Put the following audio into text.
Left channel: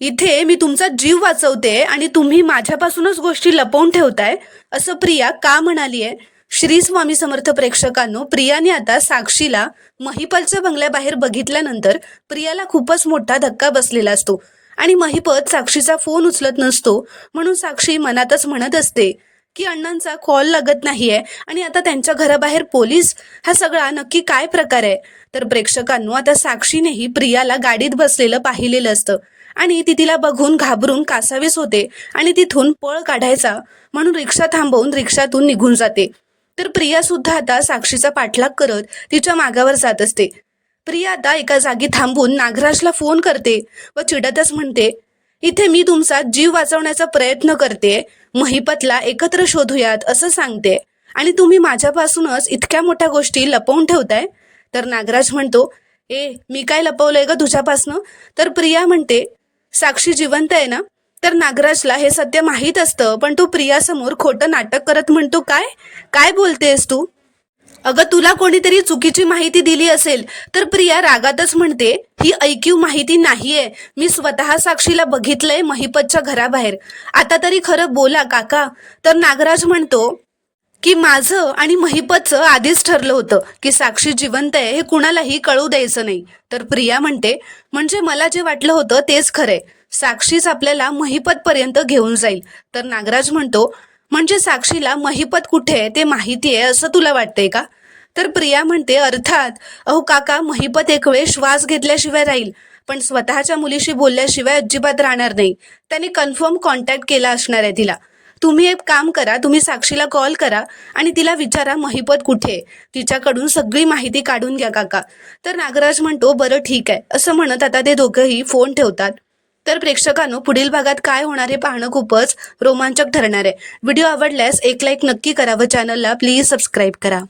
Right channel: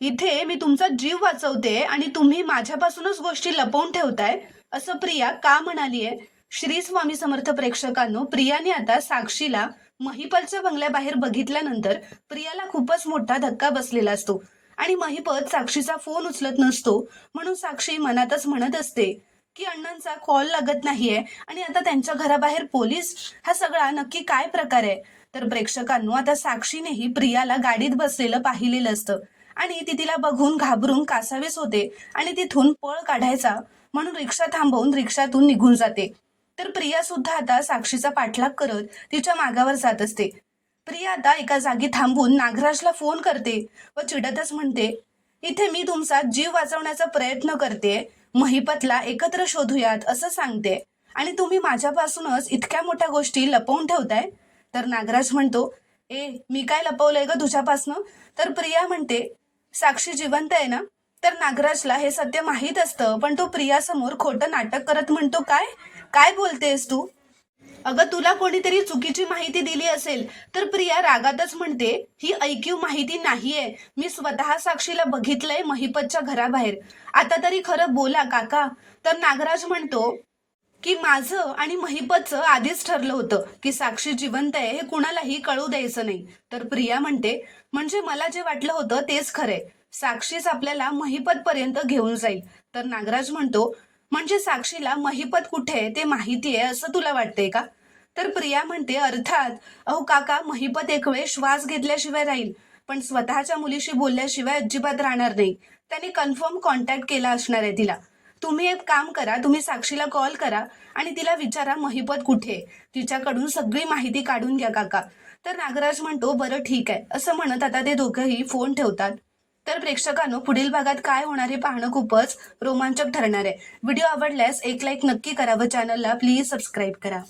इथे मी तुमचा जीव वाचवते आणि तुम्ही माझ्यापासूनच गोष्टी लपवून ठेवताय, असं प्रिया का म्हणालीये? श्री स्वामी समर्थ प्रेक्षकांनो, प्रियाने आता साक्षीला महिपतच्या बंगल्याबाहेर बघितल्यानंतर प्रियाला खूपच मोठा धक्का बसलेला असतो आणि महिपत साक्षीचा फोन उचलत नसतो. म्हणून साक्षी मनातच म्हणत असते की अण्णांचा कॉल लागत नाहीये आणि आता त्यांच्या घराबाहेर पोलीस, हा सगळा नक्की काय प्रकार आहे? तर प्रेक्षकांनो, आता साक्षीनेही प्रियाला गाडीत बसलेलं पाहिलेलं असतं आणि ती तिला बघून घाबरून कासावीस होते आणि तिथून पळ काढायचा म्हणून रिक्षा थांबवून रिक्षातून निघून जाते. तर प्रिया सुद्धा आता साक्षीचा पाठलाग करत तिच्या मागावर जात असते. प्रिया आता एका जागी थांबून नागराजला फोन करते व चिडतच म्हणते, इथे मी तुमचा जीव वाचवण्याचा प्रयत्न करते, महिपतला एकत्र शोधूयात असं सांगते आणि तुम्ही माझ्यापासूनच इतक्या मोठ्या गोष्टी लपवून ठेवताय. तर नागराज म्हणतो, मी काय लपवलंय ग तुझ्यापासनं? तर प्रिया म्हणते, साक्षी जिवंत आहे ना? तर नागराजला हे सत्य माहीत असतं, पण तू प्रियासमोर खोटं नाटक करत म्हणतो. काय काय बोलतेस तू? अगं, तुला कोणीतरी चुकीची माहिती दिली असेल. तर प्रिया रागातच म्हणते, ही ऐकीव माहिती नाहीये, मी स्वतः साक्षीला बघितलंय महिपतच्या घराबाहेर. आता तरी खरं बोला काका. तर नागराज म्हणतो की माझं आणि महिपतचं आधीच ठरलं होतं की साक्षी जिवंत आहे हे कुणालाही कळू द्यायचं नाही. तर प्रिया म्हणते, म्हणजे मला जे वाटलं होतं तेच खरंय, साक्षीच आपल्याला महिपत पर्यंत घेऊन जाईल. तर नागराज म्हणतो, म्हणजे साक्षीला महिपत कुठे आहे ते माहिती आहे असं तुला वाटतंय का? तर प्रिया म्हणते, अर्थात. अहो काका, महिपत एक वेळ श्वास घेतल्याशिवाय राहील, पण स्वतःच्या मुलीशी बोलल्याशिवाय अजिबात राहणार नाही. त्याने कन्फर्म कॉन्टॅक्ट केला असणार आहे तिला. तुम्ही एक काम करा, तुम्ही साक्षीला कॉल करा आणि तिला विचारा महिपत कुठे आहे. तिच्याकडून सगळी माहिती काढून घ्या काका. तर नागराज म्हणतो, बरं ठीक आहे असं म्हणत आता ते दोघंही फोन ठेवतात. तर प्रेक्षकांनो, पुढील भागात काय होणार हे पाहणं खूपच रोमांचक ठरणार आहे. व्हिडिओ आवडल्यास एक लाईक नक्की करा व चॅनलला प्लीज सबस्क्राईब करा.